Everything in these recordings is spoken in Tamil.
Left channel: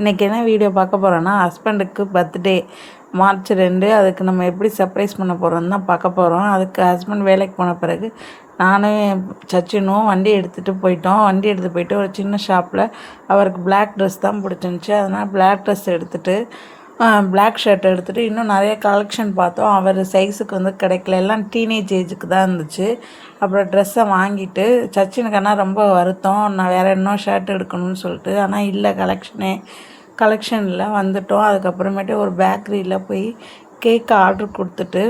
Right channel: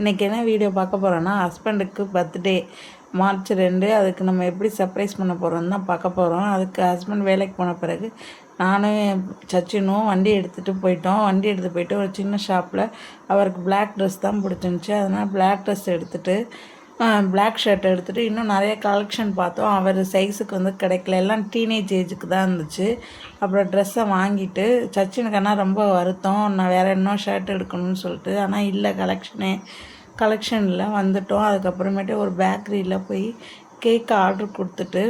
இன்றைக்கி என்ன வீடியோ பார்க்க போகிறோன்னா, ஹஸ்பண்டுக்கு பர்த்டே மார்ச் 2. அதுக்கு நம்ம எப்படி சர்ப்ரைஸ் பண்ண போகிறோன்னு தான் பார்க்க போகிறோம். அதுக்கு ஹஸ்பண்ட் வேலைக்கு போன பிறகு நானும் சச்சினும் வண்டி எடுத்துகிட்டு போயிட்டோம். வண்டி எடுத்துகிட்டு போயிட்டு ஒரு சின்ன ஷாப்பில் அவருக்கு பிளாக் ட்ரெஸ் தான் பிடிச்சிருந்துச்சி. அதனால் பிளாக் ட்ரெஸ் எடுத்துகிட்டு பிளாக் ஷர்ட் எடுத்துகிட்டு இன்னும் நிறைய கலெக்ஷன் பார்த்தோம். அவர் சைஸுக்கு வந்து கிடைக்கல, எல்லாம் டீனேஜ் ஏஜுக்கு தான் இருந்துச்சு. அப்புறம் ட்ரெஸ்ஸை வாங்கிட்டு சச்சினுக்கு ஆனால் ரொம்ப வருத்தம், நான் வேறு இன்னும் ஷர்ட் எடுக்கணும்னு சொல்லிட்டு. ஆனால் இல்லை, கலெக்ஷனில் வந்துட்டோம். அதுக்கப்புறமேட்டு ஒரு பேக்கரியில் போய் கேக் ஆர்டர் கொடுத்துட்டு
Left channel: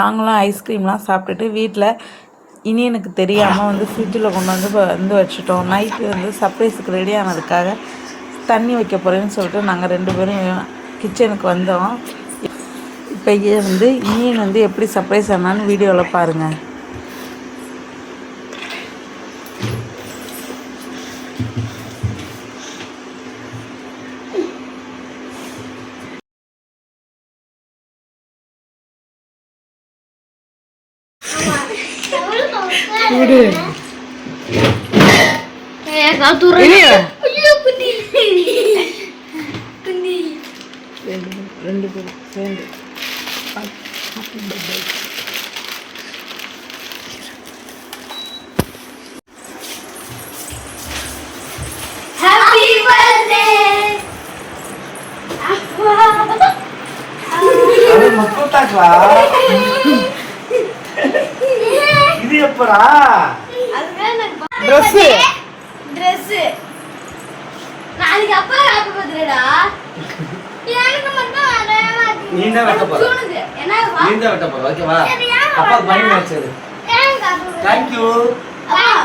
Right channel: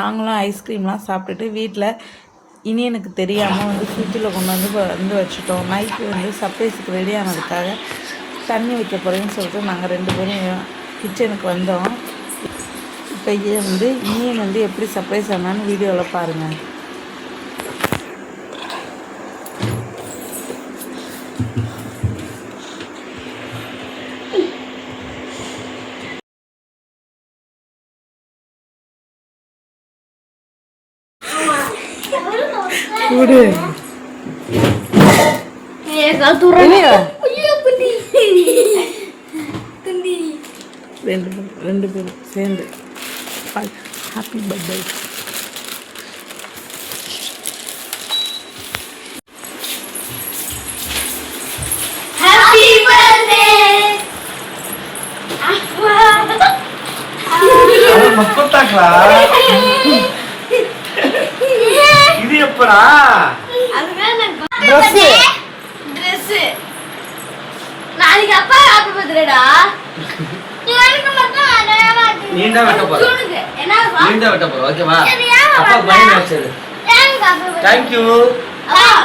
நாங்களும் ஐஸ்கிரீம்லாம் சாப்பிட்டுட்டு வீட்டில் இனியனுக்கு தெரியாமல் வந்து ஃப்ரிட்ஜில் கொண்டு வந்து வச்சுட்டோம். நைட்டு வந்து சர்ப்ரைஸுக்கு ரெடி ஆனதுக்காக தண்ணி வைக்க போகிறேன்னு சொல்லிட்டு நாங்கள் 2 பேரும் கிச்சனுக்கு வந்தோம். இப்போ வந்து இனியன் வந்து எப்படி சர்ப்ரைஸ் ஆனான்னு வீடியோவில் பாருங்கள். ரெண்டு பேரும் சேர்ந்து ஹாப்பி பர்த்டே. இது எப்படா Dress நாளைக்கு அப்பா ஹாப்பி பர்த்டேடா. எனக்கு மட்டும் நீண்டா வெட்ட போற. என்னப்பா? நீண்டா வெட்ட போற. ஓகேவா? அப்பா bye match. Thank you.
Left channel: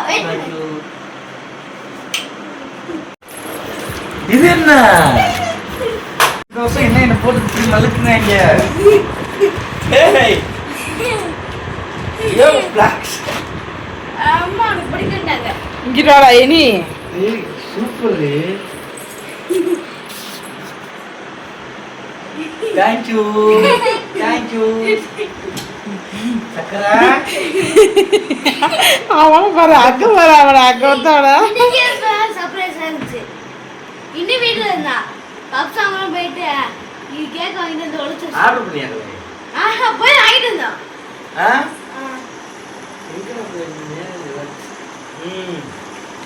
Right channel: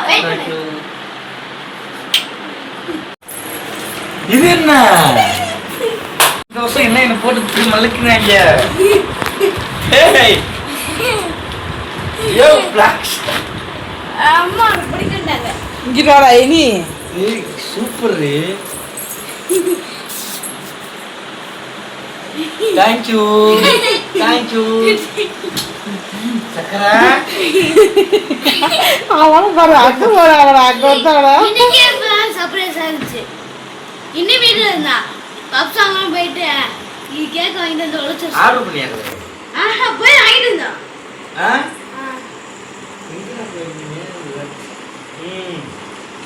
Wait பண்ணு. இது என்ன? இந்த வருஷம் என்ன போட்டு இப்படி மல்லுக்குறாங்க? ஏய். யோ பிளாக். அம்மா பிடிக்கண்டாங்க. இங்கடா இனி. ஏய் சூப்பர் ரே. Thank you. சக்கரா. அவன் பாரு அங்க வந்தாடா. இன்னைக்கு சர்ப்ரைஸ் ஆச்சு. இன்னி வீட்ல இருந்தா பப்ஸ் வாங்க போயிட்டு நீ கேக் வாங்கிட்டு வந்து ஒளிச்சு ஆர்டர் பண்ணியாங்க. போய் வாங்கிட்டு வந்தோம்.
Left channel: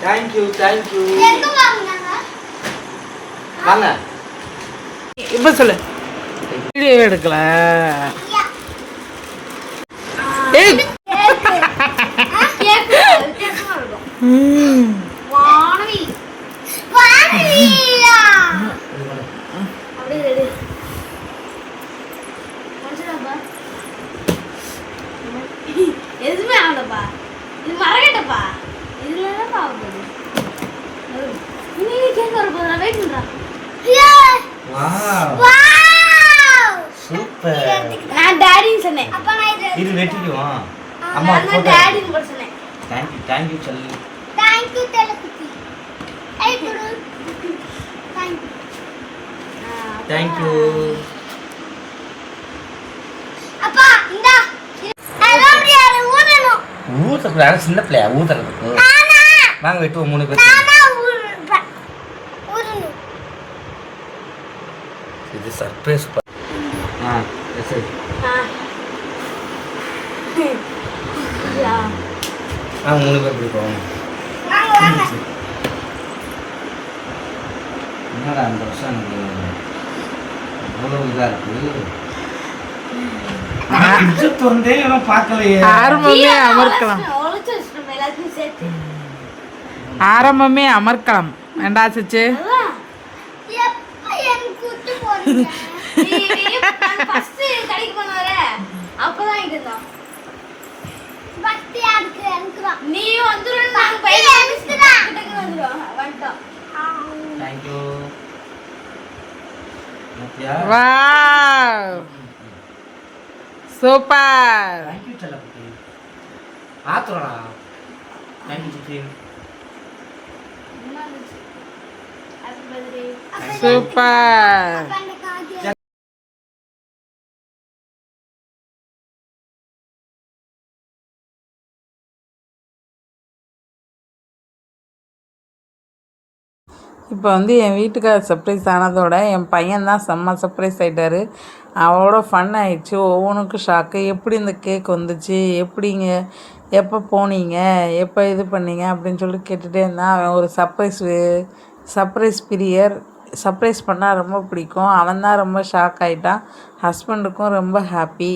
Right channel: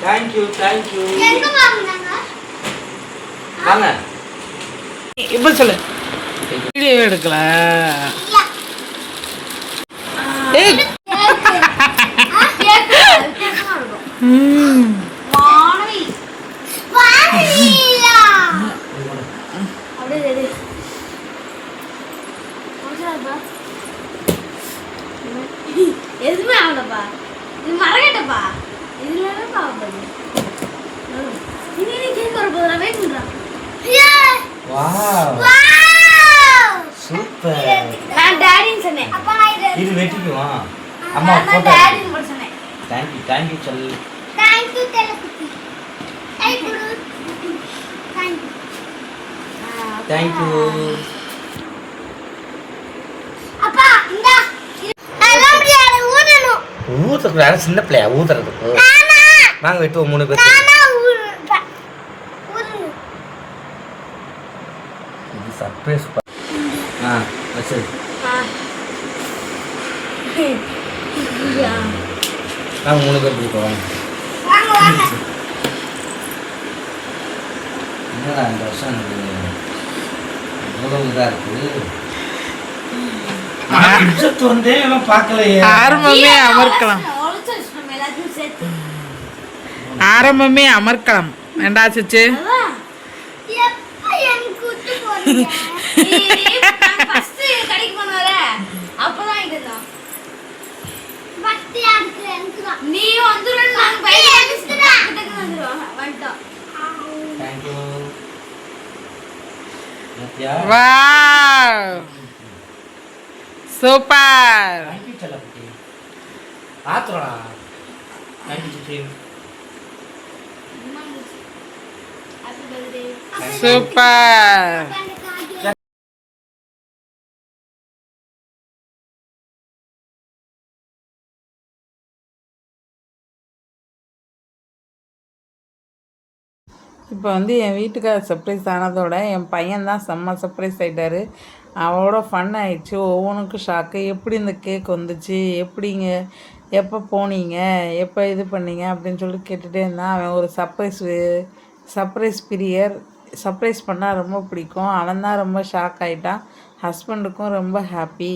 Thank you. எங்க வாங்குனாங்க? வாங்க. இப்ப சொல்லு. வீடியோ எடுக்கல. ஏய் கேக் வாணவி வாணிலா அப்படியே மஞ்சளாப்பா எதுவுமே ஆகலப்பா. இது மறக்கட்டப்பா. இதுல என்ன பாவப்பது இனி கேக் வர போதும். வெயிட் பண்றேன். Wow super. நான் டாடின்னு சொன்னேன். அப்பா நான் இது வெட்டிக்குவா. அம்மா போட்டோ டாடின்னு கூட சொன்னேன். Thank you சொல்லு. Thank you தெலகுட்டி. I Guru. Thank you. அப்பா இந்தா அதெல்லாம் முடியாது ஊதணும். ஊதுறது சின்ன பிள்ளையா ஊதுறது. வாங்க வெட்டுவோம் 3 பேர். இது சர்ப்ரைஸ். சரி. வாங்க 3 பேர் பிடிப்போம். வாங்க. என்னடா இந்த வருஷம் எனக்கு அவ்வளவு இதாக இருக்கு. வந்தே பார்க்கலையே. ஆரம்பமே அமர்க்கலாம் வேண்டா சிச்சு. Wow super. ஆத்ரா. சூப்பர். இப்போ வந்து என் வீட்டுக்காரர் சர்ப்ரைஸ் ஆனதோட என் பையன் தான் செம்ம சர்ப்ரைஸ் ஆகிட்டாரு. அவளோட ஃபன் ஆயிடுச்சு. ஒவ்வொன்றுக்கும் ஷாக்கு. எப்படி இந்த கேக் வந்துச்சு, எப்படிங்க, எப்போ போனீங்க, எப்போ இது பண்ணீங்க அப்படின்னு சொல்லி கேட்டுகிட்டே இருந்தான். அவன் ஒரு சர்ப்ரைஸ் பிரியர். சர்ப்ரைஸ் பண்ணால் ரொம்ப பிடிக்கும். அவன் தான் ரொம்ப ஷாக் ஆகிட்டான். ஹஸ்பண்டுக்கும் ரொம்ப ஹாப்பி.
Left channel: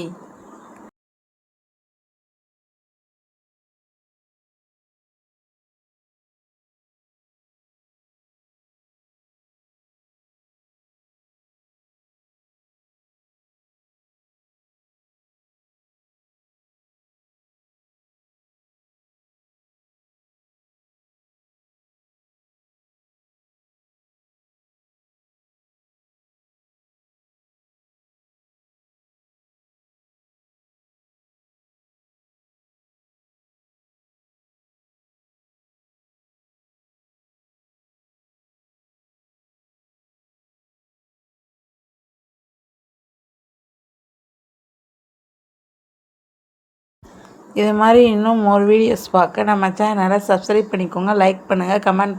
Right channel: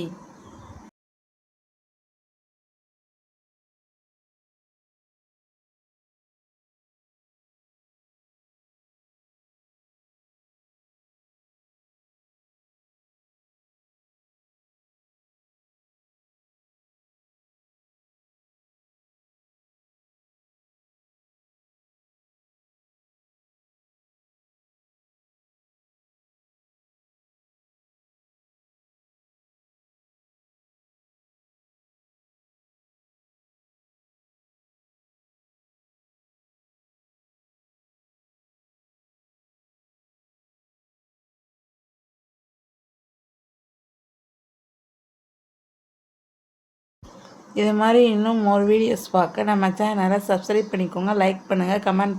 இது மாதிரி இன்னும் மோர் வீடியோஸ் பார்க்க நம்ம சேனலை சப்ஸ்கிரைப் பண்ணிக்கோங்க. லைக் பண்ணுங்கள், கமெண்ட்